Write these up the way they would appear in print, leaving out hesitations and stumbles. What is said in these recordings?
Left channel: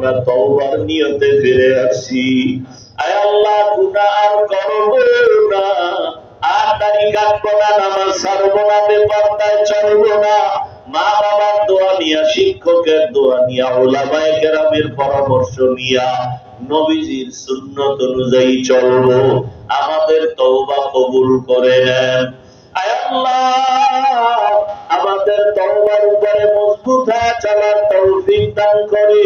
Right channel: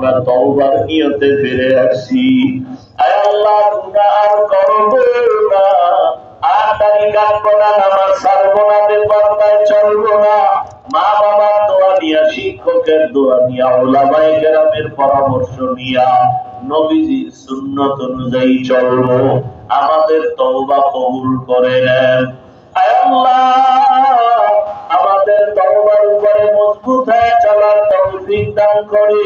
আমরা তওবার নিয়তে ফিরে আসছি। আয় আল্লাহ গুনাহ আর করব না, আটারি কাটবো না, নামাজ ছাড়বো না, বেপরদায় চলবো না, মা বাবার দোয়া নিয়া, শিক্ষকের দোয়া নিয়া, উলামায়ে কেরামের পরামর্শ নিয়া নবীজির সুন্নত অনুযায়ী চলবো। আমাদের তওবা কবুল করে নেন। আয় আল্লাহ আমাদের তওবার উপরে মজবুত হয়ে চলার তৌফিক দান করেন।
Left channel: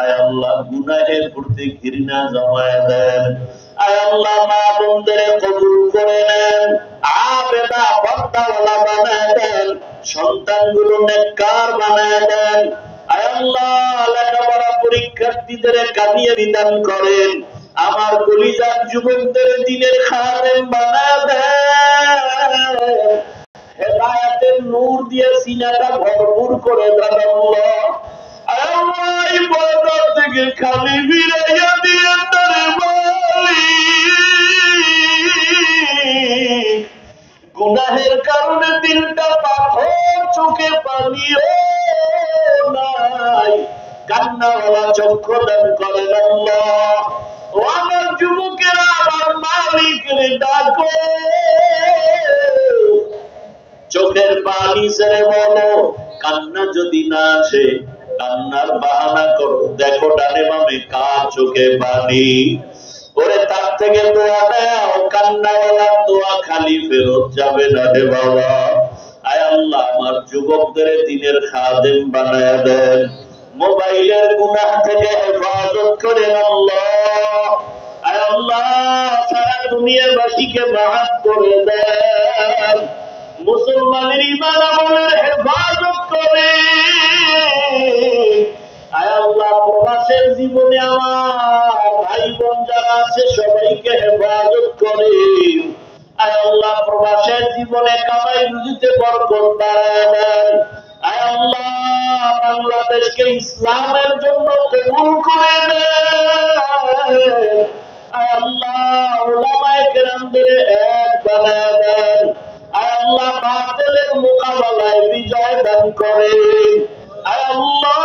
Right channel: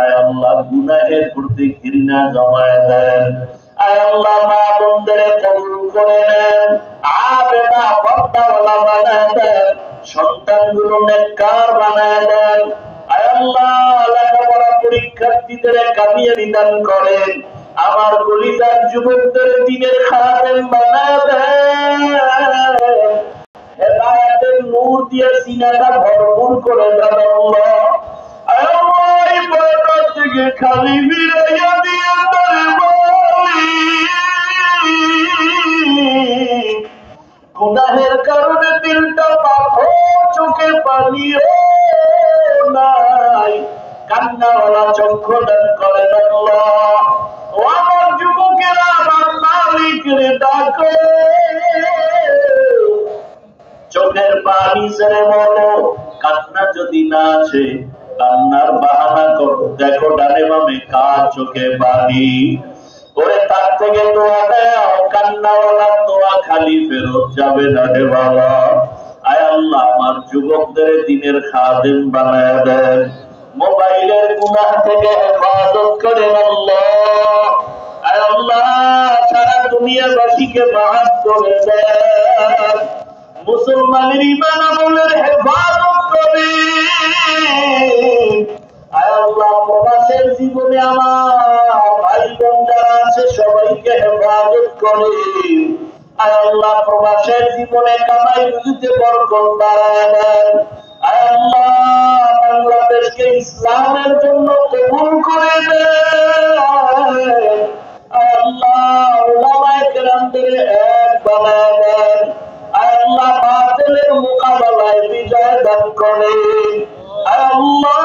আয় আল্লাহ গুনাহের প্রতি ঘৃণা জমায়ে দেন। আয় আল্লাহ মা বোনদের কবুল করে নেন, আবেদা পর্দাওয়ালা বানায় দেন, সন্তানগুলো নেককার বানায় দেন। আয় আল্লাহ লেখাপড়া পরীক্ষার্থীদের কামিয়াবি দান করেন। আমার কলিজার যুবকদের দ্বীনের খাদেম বানায় দেন। হেদায়েতের নূর দিয়ে সিনাটা ভরপুর করে দেন আল্লাহ। আয় আল্লাহ এই বয়স থেকে খালি ফিরাইয়া দিয়ে গুনাহের কারণে দিলটা পাথর, চোখে পানিও নাই, কান্নাওয়ালা চক্ষু দান করেন আল্লাহ। ও আমার যুবকেরা আমার মালিকের ডাকো, চোখের পানি ছেড়ে বলো, কান্না যদি না আসে কান্নার বাহানা করো, দেখো ডানে বামে কার চোখে পানি। ওরে তার থেকে দোয়া দাও, কান্নাওয়ালা দোয়া খালি ফেরত যাবে না রে বাবা। আয় আল্লাহ আমার যুবকদের দ্বীনের খাদেম বানায় দেন, মোবাইলের গুনাহ থেকে হেফাজত করেন আল্লাহ। আয় আল্লাহ সারা দুনিয়াবাসীকে মাফ করে দেন, মুসলমানের ঈমান আমলের হেফাজত করেন। আয় আল্লাহ প্রবাসের জীবনে আমার ভাই বোন যারা আছে সবাইকে হেফাজত করেন। আয় আল্লাহ প্রবাসের জীবনে কামাই রুজিতে বরকত বাড়ায় দেন। আয় আল্লাহ বাংলাদেশকে ইসলামের জন্য কবুল করে দেন। আয় আল্লাহ উলামায়ে কেরামদের এক বানায় দেন। আয় আল্লাহ বাতিলের মোকাবেলায় বিজয় দান করেন। আয় আল্লাহ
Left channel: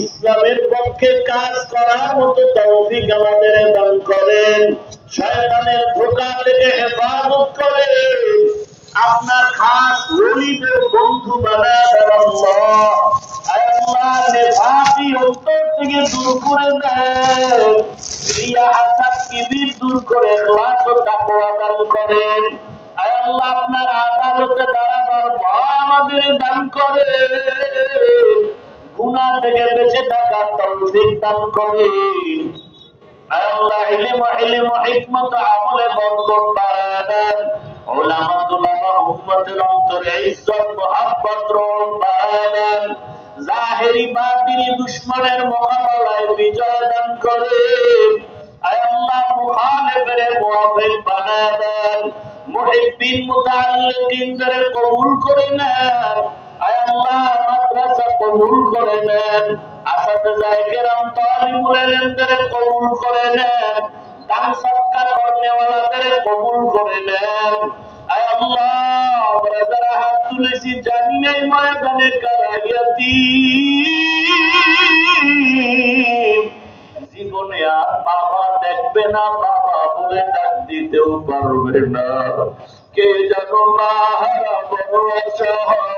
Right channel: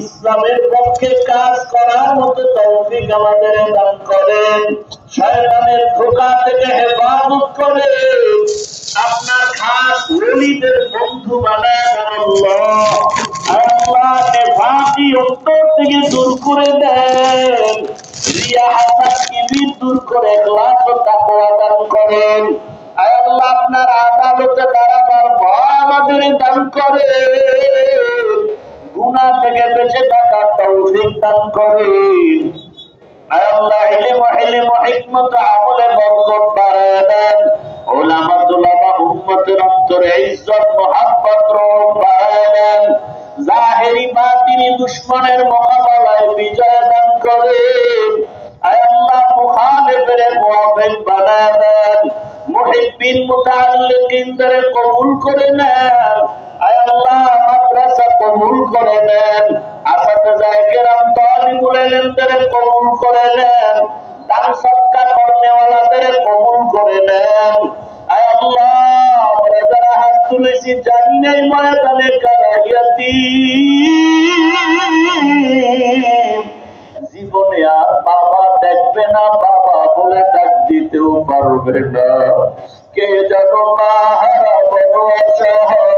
ইসলামের পক্ষে কাজ করার মতো তৌফিক আমাদের দান করেন, শয়তানের ধোঁকা থেকে হেফাজত করেন, আপনার খাস ওলিদের বন্ধু বানায় দেন আল্লাহ। আল্লাহ নেফাকি অন্তর থেকে দূর করে দেন, রিয়া হাসাদ কিবির দূর করে ইখলাস ও তাকওয়া দান করেন। আল্লাহ আপনার আদালতে দাঁড়াবার ভয় আমাদের দান করেন, গুনাহ থেকে বেঁচে থাকার তৌফিক দান করেন। আল্লাহ ইলম হিকমত আমলে বরকত বাড়ায় দেন, উলামাতুল্লাহ উম্মতের অন্তরে ইজ্জত মুহাব্বত রহম বাড়ায় দেন, জাহেরি বাতিনি দুশমনের মোকাবেলায় বিজয় দান করেন। আয় আল্লাহ মুখালিফের মুওয়াফিক বানায় দেন, মুহিব্বিন মুতাআল্লিকিনদের কবুল করে নেন। আয় আল্লাহ মাদ্রাসা কবুল করে নেন, আসাতিজায়ে কেরাম তালিবুল ইলমদের কবুল করে নেন, দান সদকা করনেওয়ালাদের কবুল করে নেন। আয় আল্লাহ আমরা যারা হাত তুলেছি জানি এই ময়দানে কারায়াতি জীবনে আর বাবা দেখবে না, বাবা বলে ডাক দিতেও পারবে না, কে যেন মা হারা বড় অসহায়।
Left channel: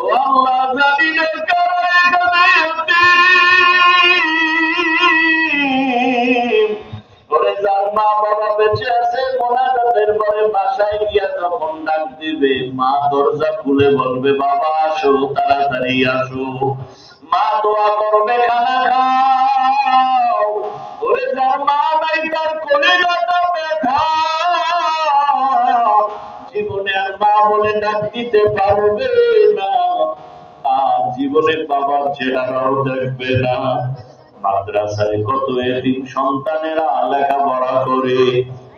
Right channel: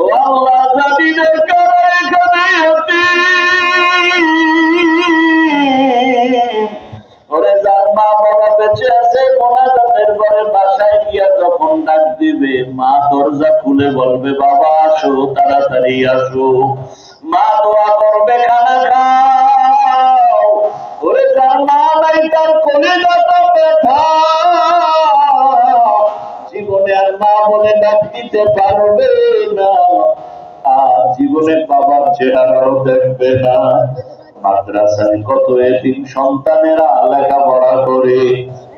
ও আল্লাহ জালিলের কারায়াতি ওরে যার মা বাবা বেঁচে আছে মোনাজাতের পরে বাসায় গিয়া যখন ডাক দিবে মা দরজা খুলে বলবে বাবা আসো, তাড়াতাড়ি আসো, মা দোয়া করবে খানা খাও। ওরে যার মা নাই তার কলিজাটা ব্যথা, জীবনে আর মা বলে ডাক দিতে পারবে না, আর জীবনে বাবার চেহারাও দেখবে না। মাদ্রাসায় কত এতিম সন্তানেরা লেখাপড়া করে,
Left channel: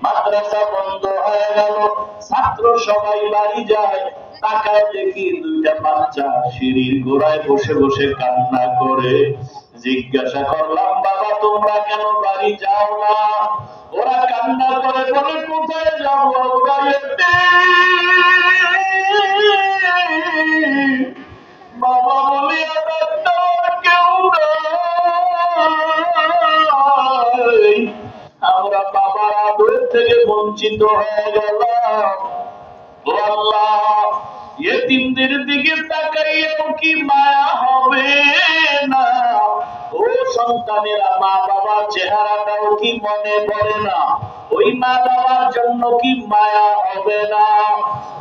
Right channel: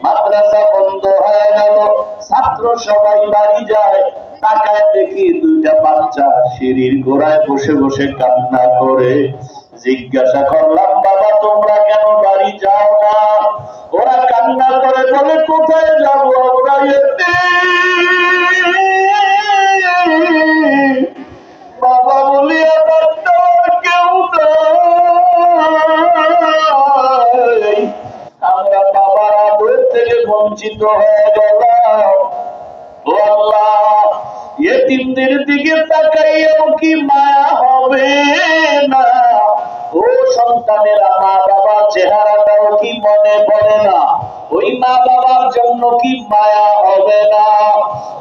মাদ্রাসা বন্ধ হয়ে গেল, ছাত্র সবাই বাড়ি যায়, তাকায় দেখি দুইটা বাচ্চা সিঁড়ির গোড়ায় বসে বসে কান্না করে। জিজ্ঞাসা করলাম বাবা তোমরা কেন বাড়ি যাও না? ওরা কান্না করে বলে কোথায় যাবো, ওরা বঞ্চিত হয়ে গেল। ও আল্লাহ, ইতিমদের দিকে তাকাইয়াও কি মায়া হবে না? ও সন্তানেরা, মা বাবার চেহারাটাও কি মনে পড়ে না? ওই মা বাবার জন্য কি মায়া হবে না?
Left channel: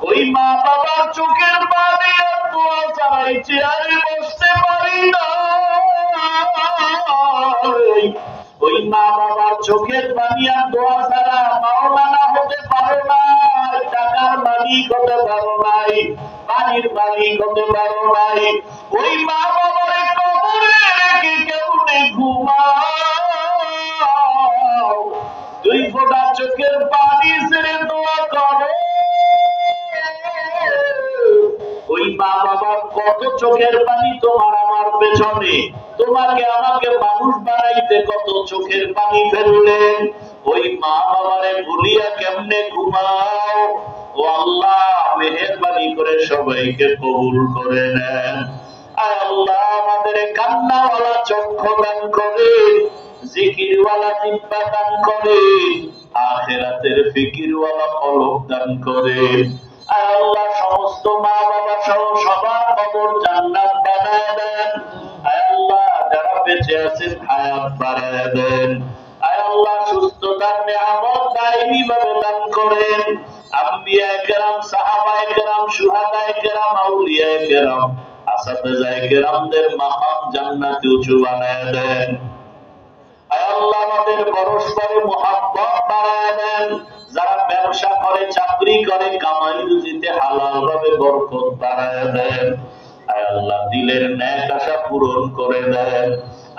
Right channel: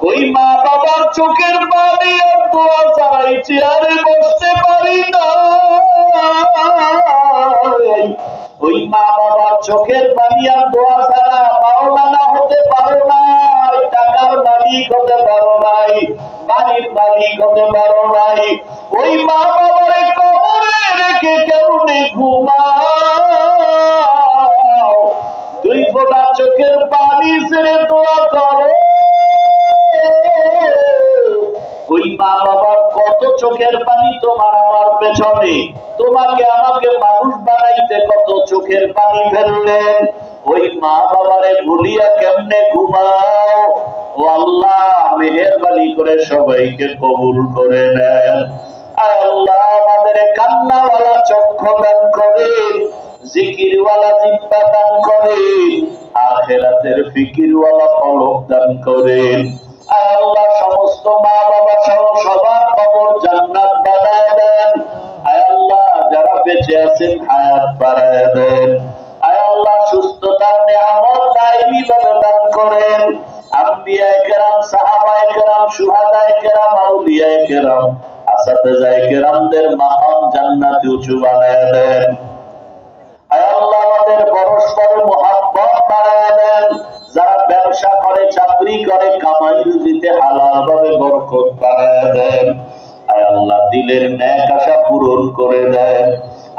ওই মা বাবার চোখের পানি আর দোয়া ছাড়াই চেয়ারে বসতে পারি না। ওই মা বাবার চোখের পানি আর দোয়া ছাড়া মাওলানা হতে পারো নাই, টাকার মালিক হতে পারো নাই, বাড়ির মালিক হতে পারো নাই। ওই মা বাবার কবরে রেখে কেমনে ঘুমাও? দুই ফোঁটা চোখের পানি ছেড়ে দোয়া করো। ওই মা বাবার কত চোখের পানি তোমার আমার পেছনে, তোমাকে আমাকে মানুষ বানাইতে কত চোখের পানি ফেললেন। ওই মা বাবারে ভুলিয়া কেমনে ঘুমাও? ও আল্লাহ, মেহেরবানি করে সবাইকে কবুল করে নেন। আল্লাহ, আমাদের কান্নাওয়ালা চক্ষু দান করেন, জিকিরওয়ালা জিহ্বা দান করেন, আখিরাতের ফিকিরওয়ালা কলব দান করেন। আল্লাহ, সমস্ত মা বাবা সহ সবার কবর জান্নাত বানায় দেন। আল্লাহ, যারা বেঁচে আছেন হায়াত বাড়ায় দেন। আল্লাহ, সুস্থতার নিয়ামত দায়ী ভাবে দান করেন। আম্বিয়ায়ে কেরাম, সাহাবায়ে কেরাম, শুহাদায়ে কেরাম, আউলিয়ায়ে কেরাম, আসাতেজায়ে কেরামদের মাকাম জান্নাতে উঁচু বানায় দেন। আল্লাহ, আমাদের পরস্পর মুহাব্বত বাড়ায় দেন। যারা ব্যবসা করে, চাকরি করে, কামাই রুজিতে হালাল ভাবে বরকত বাড়ায় দেন। আয় আল্লাহ, দিলের ন্যাক আশা পূরণ করে দেন।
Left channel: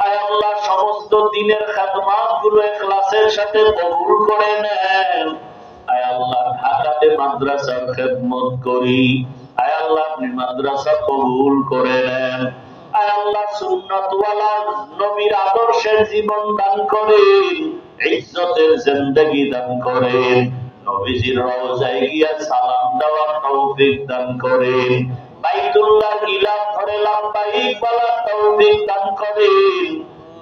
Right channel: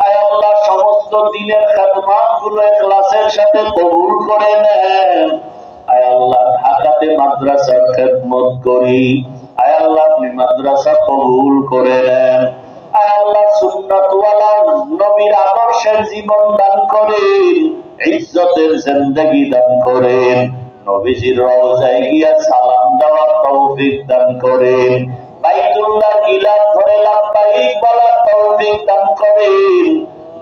আয় আল্লাহ, সমস্ত দিনের খেদমত গুলো ইখলাসের সাথে কবুল করে নেন। আয় আল্লাহ, ঢাকাতে মাদ্রাসার খেদমত করি। আয় আল্লাহ, আপনি মাদ্রাসা কবুল করে নেন। আয় আল্লাহ, সুন্নতওয়ালা নবীর আদর্শের জীবন দান করেন, ইজ্জতের জিন্দেগি দান করেন, নবীজির রওজায় গিয়া সালাম দেওয়ার তৌফিক দান করেন, বাইতুল্লাহ গিলাফ ধরে লাব্বাইক বলার তৌফিক দান করেন।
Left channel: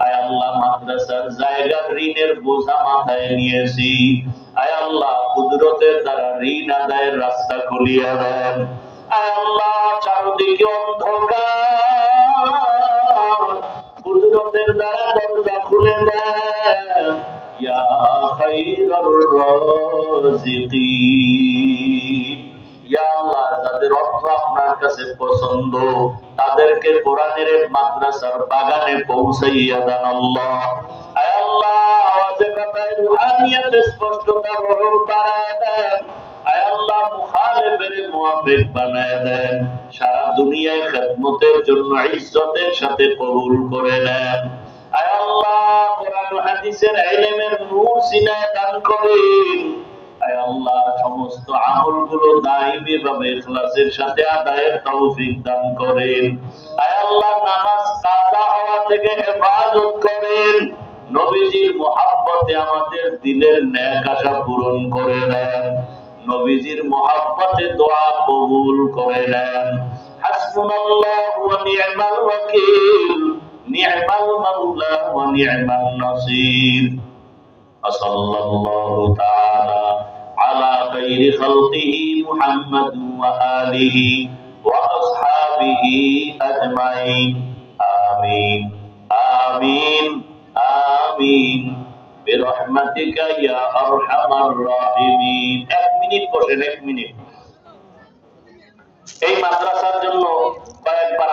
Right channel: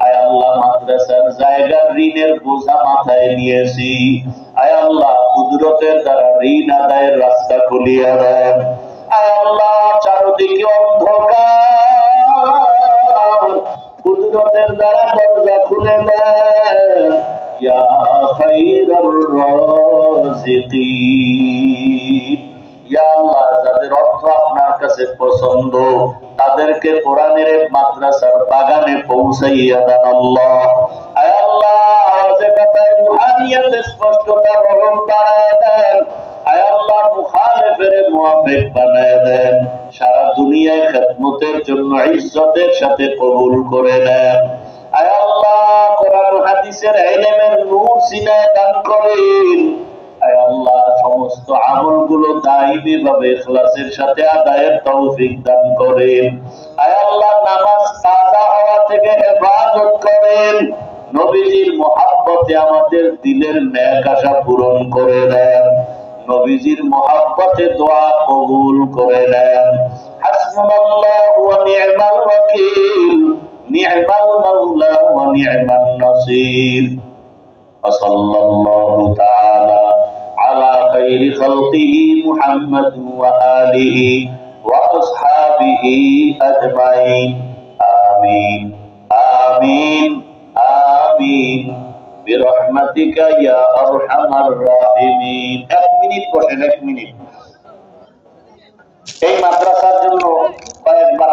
আয় আল্লাহ, মাদ্রাসার জায়গার ঋণের বোঝা মাথায় নিয়েছি। আয় আল্লাহ, কুদরতের দ্বারা ঋণ আদায়ের রাস্তা খুলিয়া দেন। আয় আল্লাহ, চারদিকে অন্ধকার, কুদরতের দ্বারা দরজা খুলে দেন। ইয়া খায়রুর রাযিকিন, ইয়া আল্লাহ, যাদের অর্থ আপনার কাছে পছন্দ তাদেরকে কোরআনের মাদ্রাসার বাগানে পৌঁছাইয়া দেন আল্লাহ। আয় আল্লাহ, আওয়াজে কথায় রুহানিয়াত স্পষ্টতা বরণ বাড়ায় দেন। আয় আল্লাহ, মুখালিফের মুওয়াফিক বানায় দেন। সারা দুনিয়ায় খেদমতের জন্য ইজ্জতের সাথে কবুল করে নেন। আয় আল্লাহ, কোরআন হাদিসের ইলমের নূর সিনায় দান করেন। আয় আল্লাহ, সমস্ত আমলগুলো দায়ী ভাবে ইখলাসের সাথে আদায়ের তৌফিক দান করেন। আয় আল্লাহ, নামাজ কাজা হওয়া থেকে হেফাজত করেন। নবীজির মুহাব্বতে আমাদের দিলের ন্যাক আশা পূরণ করে দেন। নবীজির মুহাব্বতে দোয়া কবুল করে নেন। হাসবুনাল্লাহু ওয়া নি'মাল ওয়াকিল, নি'মাল মাওলা ওয়া নি'মান নাসির। সাল্লাল্লাহু তাআলা আলা খাইরি খালকিহি মুহাম্মাদ ওয়া আলিহি ওয়া আসহাবিহি আজমাইন। আমিন আমিন আমিন বিরহমাতিকা ইয়া আরহামার রাহিমিন। 1 মিনিট বসেন, 1 মিনিট। এই মাদ্রাসার জন্য কয়েকবার